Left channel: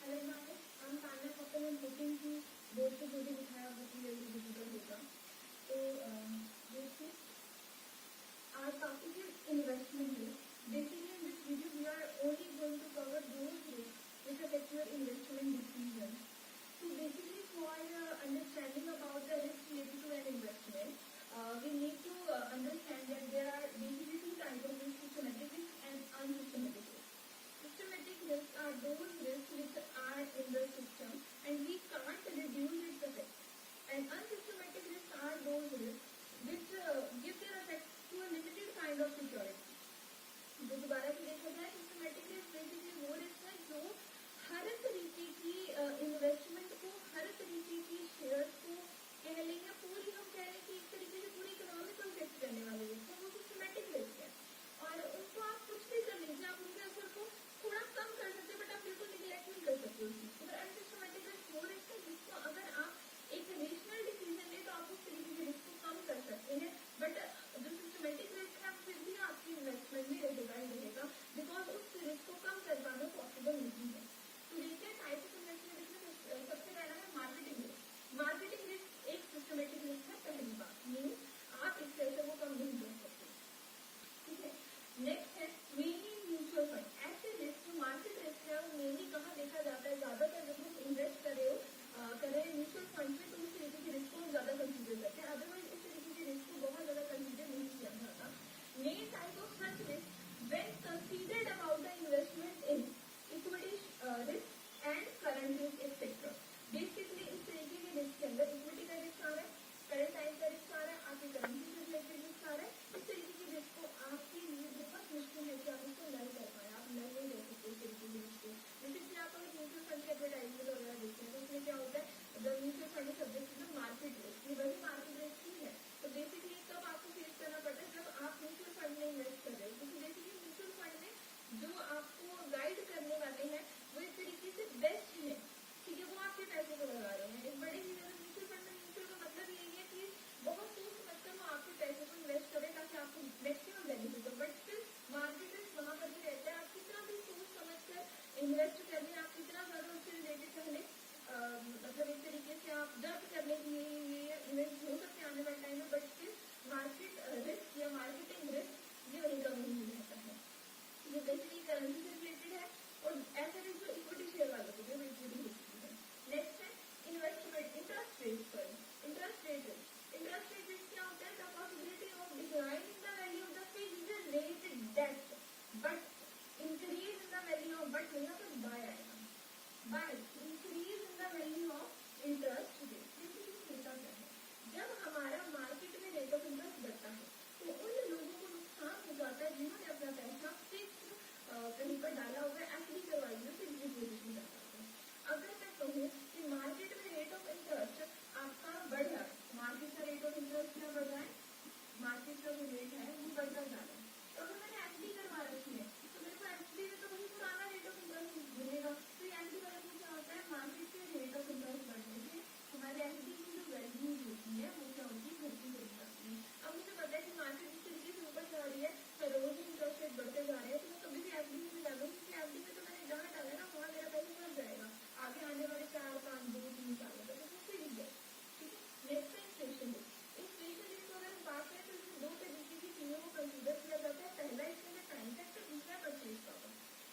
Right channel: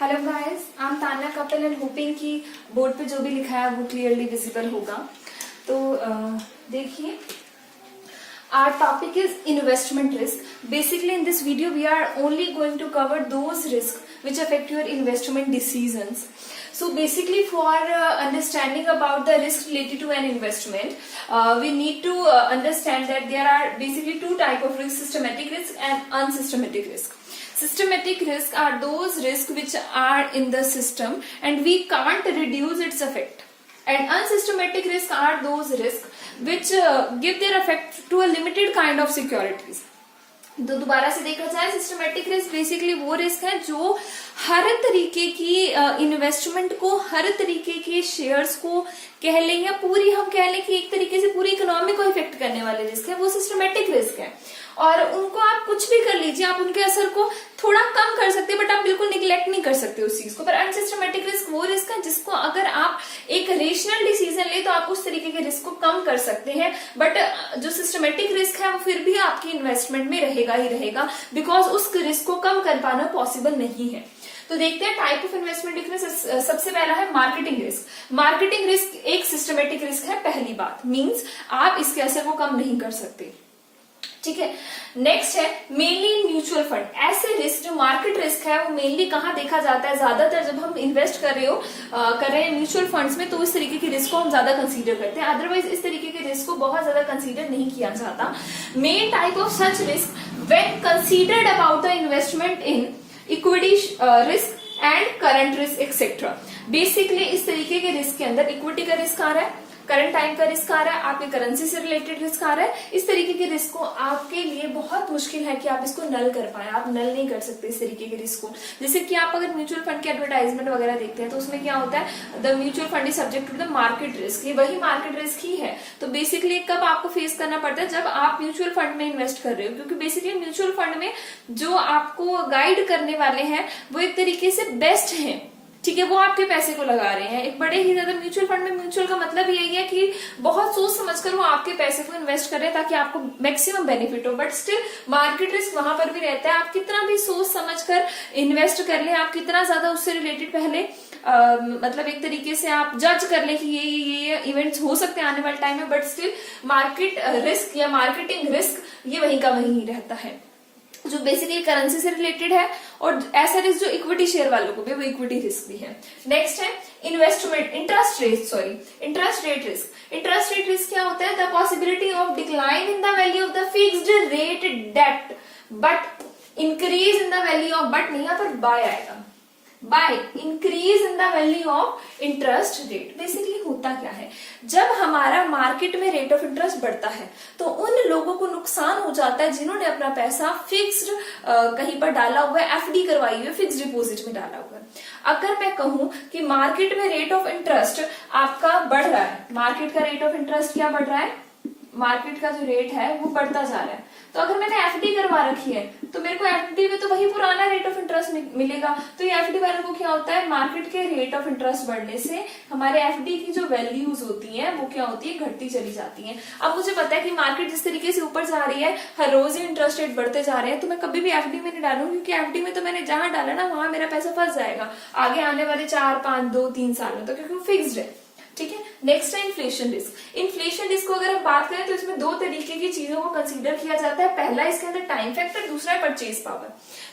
Hello guys, I am Tanya Kapil and hopping कि board पे जो भी लिखा है वो क्लियरली विजिबल होगा। तो देखिए, our topic is investment risk. Basically in this video we are only going to cover those risks which affect your investment decisions. So basically for understanding about the risk related to an investment, we need to understand that there are basically two type of risk: systematic risk and unsystematic risk. Systematic risk are those risks which are in the system and we can't reduce its effect, and unsystematic risks are those risks which give their effect to a limited kind of securities. तो दोबारा से देखा जाए, systematic risk basically वो risk है जो हर तरीके की इन्वेस्टमेंट को, हर तरीके के शेयर्स को कह लें या पूरी हम कह लें कि एक तरीके से पूरी इकोनॉमी को इफेक्ट करने वाले रिस्क है, वो सिस्टमेटिक रिस्क है। और उनको आप कुछ भी कर लीजिए, आप उनके असर को थोड़ा कम कर सकते हैं बट आप बिल्कुल निग्लेक्ट नहीं कर सकते उस चीज को। पर अनसिस्टमेटिक रिस्क वो रिस्क है जिसको अगर आप एक रेशनल डिसीजन ले तो आप उस तरीके के रिस्क को कम कर सकते हैं, बट जो सिस्टमेटिक रिस्क है वो फिर भी आपकी इन्वेस्टमेंट में रहेगा ही रहेगा, बिकॉज उस रिस्क को कम कर पाना पॉसिबल नहीं है। तो देखते हैं टाइप ऑफ इन्वेस्टमेंट रिस्क। सबसे पहला है मार्केटिंग रिस्क। मार्केटिंग रिस्क एक सिस्टमेटिक रिस्क है, पहली बात, मींस आप इसके असर को कम नहीं कर सकते, ठीक है। नेक्स्ट है मेनली म्यूचुअल फंड। ऐसे रिस्क जो मार्केट रिस्क है वो मेनली कहाँ देखा जाता है, ज्यादातर जब हम इन्वेस्ट कर रहे हैं म्यूचुअल फंड्स में, तो इस तरीके की रिस्क को हम ज्यादा कंसीडर करते हैं, अदरवाइज इस तरीके के रिस्क को बहुत ज्यादा कंसीडर नहीं किया जाता। Main type of such risk when considered about the investment in equity risk and current risk etcetera. Basically इस तरीके के रिस्क के अंदर इक्विटी का रिस्क आ रहा है, करंट टाइम का रिस्क आ रहा है, आपके करेंसी से रिलेटेड रिस्क आ रहा है। इस तरीके के रिस्क को आपके लिए बहुत मुश्किल है कि आप इसको नल कर पाए, आप नल नहीं कर सकते इस तरीके के रिस्क को। जैसे कि आप अगर म्यूचुअल फंड के एडवर्टाइजमेंट वगैरह देखते हैं तो उसमें क्या होता है, the mutual fund is subject to the market risk. ये वही मार्केट रिस्क ही है। तो बेसिकली कब आपको फेस करना पड़ता है, जब आप म्यूचुअल फंड में इन्वेस्ट कर रहे हो, क्योंकि बेसिकली म्यूचुअल फंड में जो आपको गाइड करने वाले हैं वो एक तरीके से बेस्ट हैं, ठीक है, वो आपके पैसे को लगा रहे हैं। एक बड़े ही ज्यादा म्यूचुअल फंड में म्यूचुअल का मतलब यही है कि बहुत सोच समझकर वो आपके पैसे को इन्वेस्ट कर रहे हैं ताकि आपको मैक्सिमम बेनिफिट हो, बट स्टिल मार्केट रिस्क वहां पर भी रहता है। आप कितना भी सोच समझकर इन्वेस्ट कर ले, आप कितना ज्यादा उससे रिलेटेड पहले मतलब एक तरीके से आप जज कर ले कि ये इवेंट्स हो सकते हैं आने वाले टाइम में, बट स्टिल मार्केट रिस्क या मार्केटिंग रिस्क ये वहीं का वहीं रहता है, जो बेसिकली करेंसी से रिलेटेड है। और ऐसा रिस्क जो इक्विटी शेयर वालों को भी, वो इक्विटी रिस्क भी है। नेक्स्ट है investment interest rate risk. Interest rate risk क्या होता है, the possibility of decline in the value of the fixed rate debt but increase in the value of, but नहीं यहाँ पर बाय आएगा, by increase in the value of interest rate. Basically होता क्या है, जब हमारा मार्केट में रेट ऑफ इंटरेस्ट बढ़ता है तो उन लोगों को नुकसान हो जाता है जिन्होंने अपना पैसा फिक्स्ड कहीं पर डाला हुआ है, एफडी करवाई हुई है, फिक्स्ड डिपॉजिट में डाला हुआ है। अगर मैं कहूं कि मार्केट में रेट ऑफ इंटरेस्ट आपका बढ़ रहा है, मार्केट का रेट ऑफ इंटरेस्ट क्या बढ़ रहा है, मार्केट का जो रेट है वो बढ़ता जा रहा है, तो अगर मैंने एफडी करवा रखी है तो मेरे को एफडी में तो वही पुराना रेट ऑफ इंटरेस्ट मिलेगा। तो ये एफडी वालों को क्या होता है, मार्केट के रेट ऑफ इंटरेस्ट बढ़ने से हमारे एफडी की जो वैल्यूज होती हैं वो क्या होती है, घटती चली जाती हैं। अब मुझे पता है कि मार्केट जिस तरीके से ऊपर जा रही है, हर रोज ही इंटरेस्ट रेट बढ़ते जा रहे हैं, तो मैं कभी भी एफडी में नहीं डालूंगी, क्योंकि एफडी में तो मैंने जहां डाला ना वहां मेरा पैसा फंस जाएगा आगे आने वाले 4, 5, 2, 3 साल में, तो क्योंकि वो फिक्स्ड है, ठीक है। नेक्स्ट है इन्फ्लेशन रिस्क। इन्फ्लेशन रिस्क को अगर हम बात करें तो इसमें दो तरीके की चीजों को कंसीडर किया जाता है। पहला इसके अंदर टाइम फैक्टर, दूसरा है परचेज पावर।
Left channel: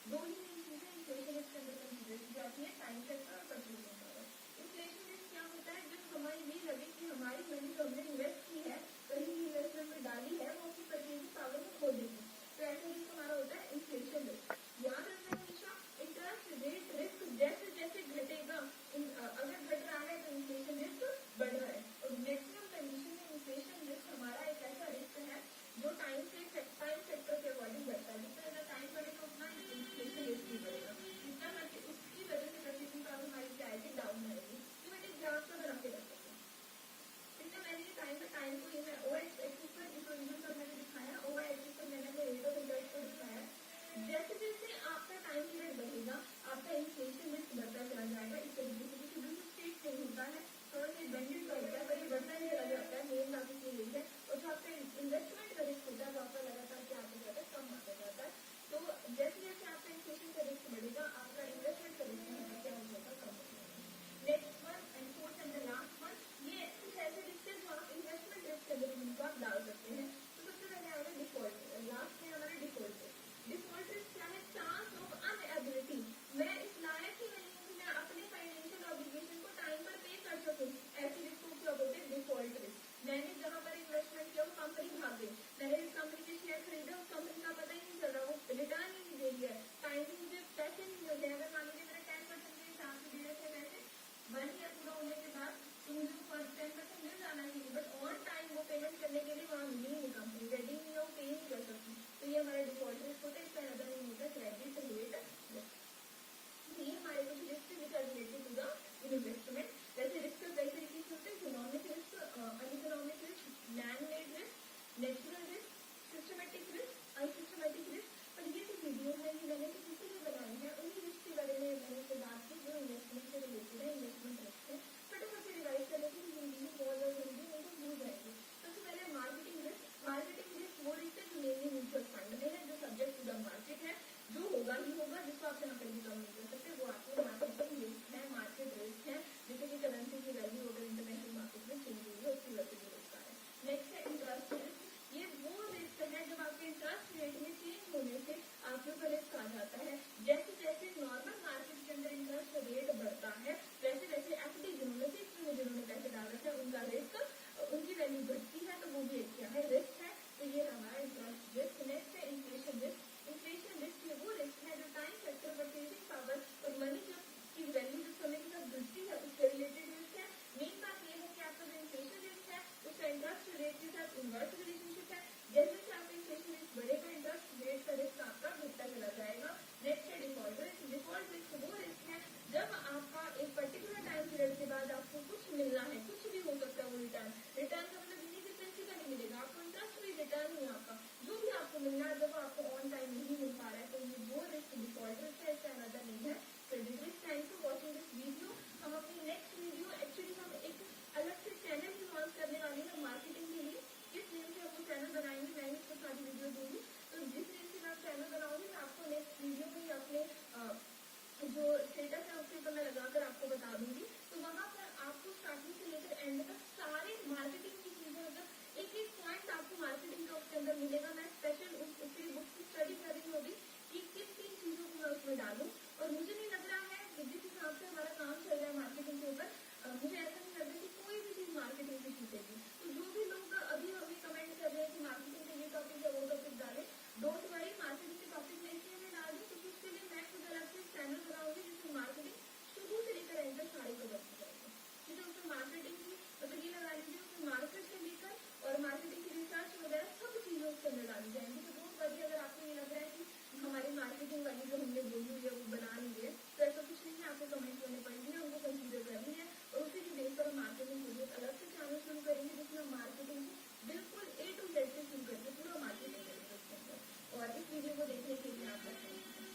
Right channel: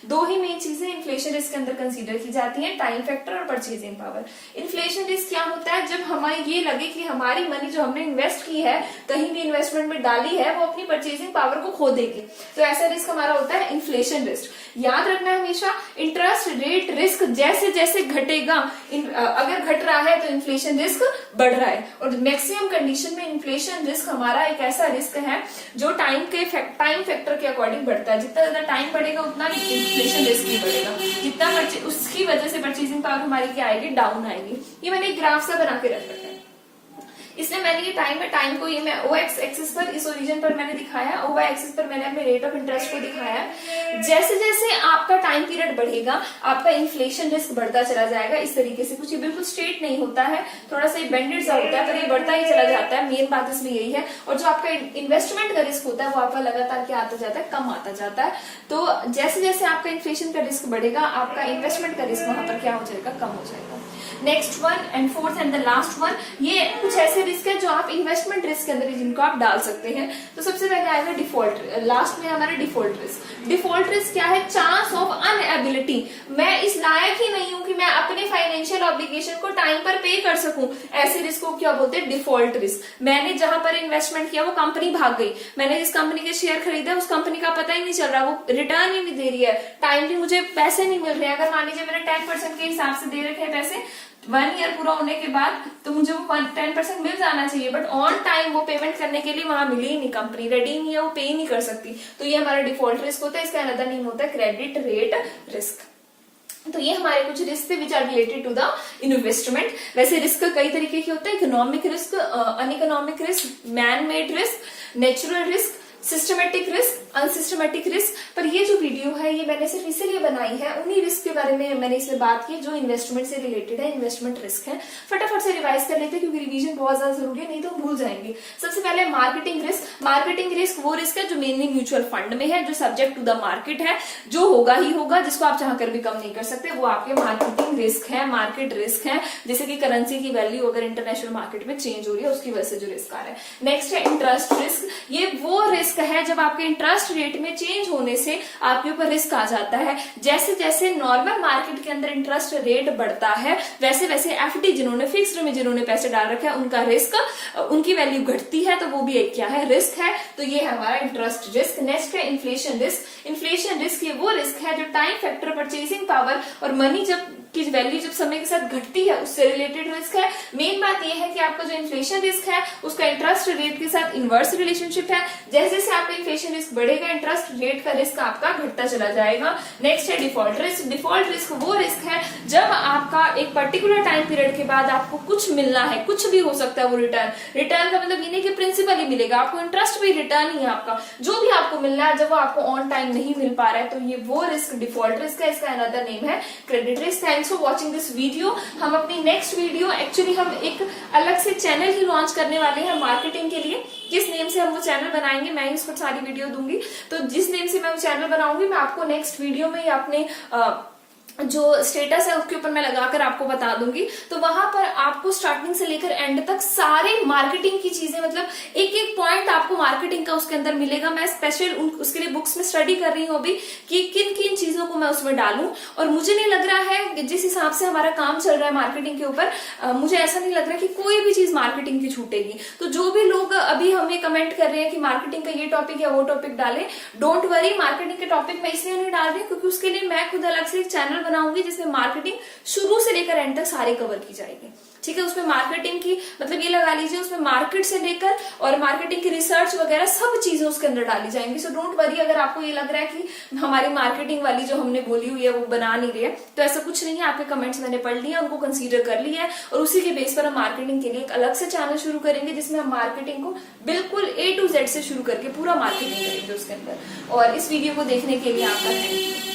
दो ही मेन चीजें इन्फ्लेशन रिस्क के अंदर कंसीडर की जाती हैं, टाइम फैक्टर और परचेजिंग पावर। इन्फ्लेशन रिस्क क्या होता है, जब हमें ये लगे कि हमारी मनी जो हमने इन्वेस्ट की है, कहीं भी इन्वेस्टमेंट में डाली है, वो अपनी परचेजिंग पावर को खो देगी, तो ऐसा रिस्क हमारा होता है इन्फ्लेशन रिस्क। याद रखना हमेशा, इंटरेस्ट रेट रिस्क जैसे जैसे घटेगा, अगर घट रहा है तो इन्फ्लेशन रिस्क बढ़ रहा है, और मैक्सिमम कंडीशन में इन्फ्लेशन रिस्क हमारा एक ऐसा रिस्क है जो टाइम फैक्टर के अकॉर्डिंग बढ़ता है। जितना ज्यादा टाइम बढ़ेगा उतना इन्फ्लेशन रिस्क भी बढ़ेगा, जितना उसकी वजह से परचेजिंग पावर हमारी क्या आएगी, डाउन आएगी। ये मैंने एक ग्राफ सा बना के रख रखा है। इसलिए मैंने ये टाइम को ये मैं ओ एक्सिस पर, इस ओरिजिन पर मैंने दिखाया, ओ वाई एक्सिस पर मैंने अपने रेट ऑफ इंटरेस्ट को दिखाया। जैसे जैसे आपका टाइम पीरियड बढ़ेगा आपका इन्फ्लेशन रिस्क बढ़ता चला जाएगा। इस तरीके से कुछ ये बिल्कुल स्ट्रेट नहीं होता है, थोड़ा सा बेंडेड सा होता है, पर ये बढ़ता ही चला जाता है। मेन बात इसमें यही है। और जो आपका इन्वेस्टमेंट का रिस्क होता है वो आपका लगातार क्या आता जाता है, कम आता जाता है। तो जैसे जैसे आपका इन्फ्लेशन का रिस्क बढ़ेगा आपका इन्वेस्टमेंट का रिस्क वहां पर क्या हो जाएगा, कम हो जाएगा। Next one and fourth and the last one, ये कुछ ऐसे रिस्क है जो आप इन्वेस्टमेंट रिस्क के अंदर जिनको आप डाल सकते हैं। तो सबसे पहले आएगा डिफॉल्ट, लास्ट में हमारा डिफॉल्ट रिस्क। डिफॉल्ट रिस्क क्या है, चांस ऑफ अनएबिलिटी, मैं इस लायक ही नहीं हूं कि मैं अपने फाइनेंशियल ऑब्लिगेशन को टाइम पर पे कर सकूं, ऐसे रिस्क को क्या बोलते हैं, डिफॉल्ट रिस्क। मैंने जहां पर इन्वेस्टमेंट किया वो कंपनी भाग गई, मैंने जिस कंपनी के शेयर खरीदा उस कंपनी का पता ही नहीं चल रहा, वो रिटर्न ही नहीं दे रही है, टाइमली मुझे पैसे नहीं मिल रहे हैं। अगर मान लीजिए मैंने 10% के हिसाब से दे रखे हैं पैसे 1 ईयर पूरा होने के बाद, तो मुझे वो 10% मिल जाना चाहिए, बट ऑन टाइम वो पेमेंट करने के लिए वहां मिली ही नहीं, कंपनी रेडी नहीं है, वो पे ही नहीं कर सकती। तो ये हमारा डिफॉल्ट रिस्क होता है। इसका अनदर नेम होता है क्रेडिट रेट रिस्क। तो ये हमारे कुछ रिस्क थे which are related to the investment. वैसे रिस्क कई तरीके के होते हैं, economic risk, uneconomic risk, man made risk, natural risk, systematic risk, unsystematic risk. पर ये जो वीडियो है ये मैंने सिर्फ इसीलिए बनाई है, उन्हीं रिस्क के बारे में मैंने इसमें बात की जो इन्वेस्टमेंट से रिलेटेड है, इन्वेस्टमेंट रिस्क है। फटाफट से रिवाइज कर लेते हैं क्योंकि रिवीजन बहुत ज्यादा जरूरी है, नहीं तो हम भूल जाएंगे। सबसे पहले मार्केटिंग रिस्क। मार्केटिंग रिस्क वो रिस्क है जो मेनली म्यूचुअल फंड में है, जो सब्जेक्ट टू द मार्केट है, जो होगा ही होगा, जिसको आप चाह कर भी कम नहीं कर सकते, वो आपके मार्केटिंग रिस्क है, मार्केट रिस्क है। जैसे कि करेंसी की वैल्यू अगर इंटरनेशनल मार्केट में चेंज हो रही है उसकी वजह से जो रिस्क आ रहा है। नेक्स्ट है इंटरेस्ट रिस्क। ये वो रिस्क है जब आपके इंटरेस्ट रेट में चेंज होने से आपके ऊपर रिस्क आ जाता है। जैसे जैसे नॉर्मल मार्केट के अंदर इंटरेस्ट रेट बढ़ता है वैसे वैसे एफडी जिन्होंने फिक्स्ड में जिन्होंने पैसे डाल रखे हैं उनका रिस्क, उनकी वैल्यू घटती है, तो वो भी एक क्या है, रिस्क है। तो ये है हमारा इंटरेस्ट रिस्क। नेक्स्ट है इन्फ्लेशन रिस्क। इन्फ्लेशन रिस्क ये वो रिस्क है जो टाइम फैक्टर, परचेसिंग पावर और मनी जब की वैल्यू जब समय के साथ घटती है उससे रिलेटेड रिस्क है। मेन बात यह है कि आपका जो इन्फ्लेशन रिस्क है उसका इंटरेस्ट रेट के साथ इनवर्स रिलेशनशिप है। जैसे जैसे आपका इन्फ्लेशन रिस्क बढ़ेगा इंटरेस्ट रेट का रिस्क आपका घटता चला जाएगा। नेक्स्ट है डिफॉल्ट रिस्क। डिफॉल्ट रिस्क वो रिस्क है जब आपका एक पर्टिकुलर टाइम पीरियड के बाद आपको कुछ मिलना है, कुछ भी हो सकता है वो रिटर्न का मतलब ये नहीं कि प्रिंसिपल ही मिलेगा, आपको इंटरेस्ट भी रिटर्न ही है आपका, जो भी आपको मिलना है, जब वो आपको ऑन टाइम नहीं मिल पा रहा है, तो ये वो रिस्क डिफॉल्ट रिस्क है। इसका अनदर नेम है credit risk. Thanks for watching this video. हम अपनी नेक्स्ट वीडियो एक्चुअली हम एक अलग से चैनल ही लॉन्च करने वाले हैं मार्केटिंग के लिए। किस नेम से हम वो चैनल बनाएंगे मैं ही उस पर सारी वीडियो दूंगी। तो जिस नेम से मैं वो चैनल बनाऊंगी मैं आपको नेक्स्ट वीडियो में या अपने जो स्टेटस है उसके ऊपर मैं लगाकर आपको बता दूंगी। तो वहां पर आपको स्टार्टिंग से लेकर एंड तक सारे मार्केटिंग की चीजें, मतलब एक एक पॉइंट आपको मार्केटिंग का उसके अंदर मिलेगा। मैं स्पेशल उसके लिए बुक्स में स्टडी कर रही हूँ अभी कि किन किन चीजों को मैं उसमें डालूं। और मुझे नहीं लग रहा है, जिस हिसाब से हमारा काम चल रहा है मार्केटिंग के ऊपर, मुझे ऐसा नहीं लग रहा कि कोई भी चीज मार्केटिंग की छूटेगी। तो जो भी लोग अभी हमें कमेंट कर रहे हैं कि मार्केटिंग का ये टॉपिक या वो टॉपिक डालें, डोंट वरी, मार्केटिंग के टॉपिक मैं इसलिए नहीं डाल रही क्योंकि उसके लिए मैं खुद अलग से एक चैनल बनाऊंगी जिसमें मार्केटिंग शुरू से लेकर एंड तक सारी कवर की जाएगी। ठीक है, उसमें मार्केटिंग की मतलब ये लगा लीजिए उसमें मार्केट से लेकर और मार्केटिंग की रिसर्च वगैरह सब चीजें उसके अंदर डाली जाएंगी। सो डोंट वरी अगर आपको ये लग रहा है कि हमारी मार्केटिंग वाली जो हमने बोली हुई है वो बना नहीं रही है, तो ऐसा कुछ नहीं है। आपके कमेंट्स मैंने पढ़ लिए, उनको कंसीडर कर लिया है और उसी के बेस पर हम मार्केटिंग के लिए एक अलग से चैनल शुरू करेंगे जिसमें हम मार्केटिंग को बिल्कुल A to Z से शुरू करके पूरा मार्केटिंग करेंगे उसके अंदर। और इस वीडियो को देखने के लिए आपका थैंक यू।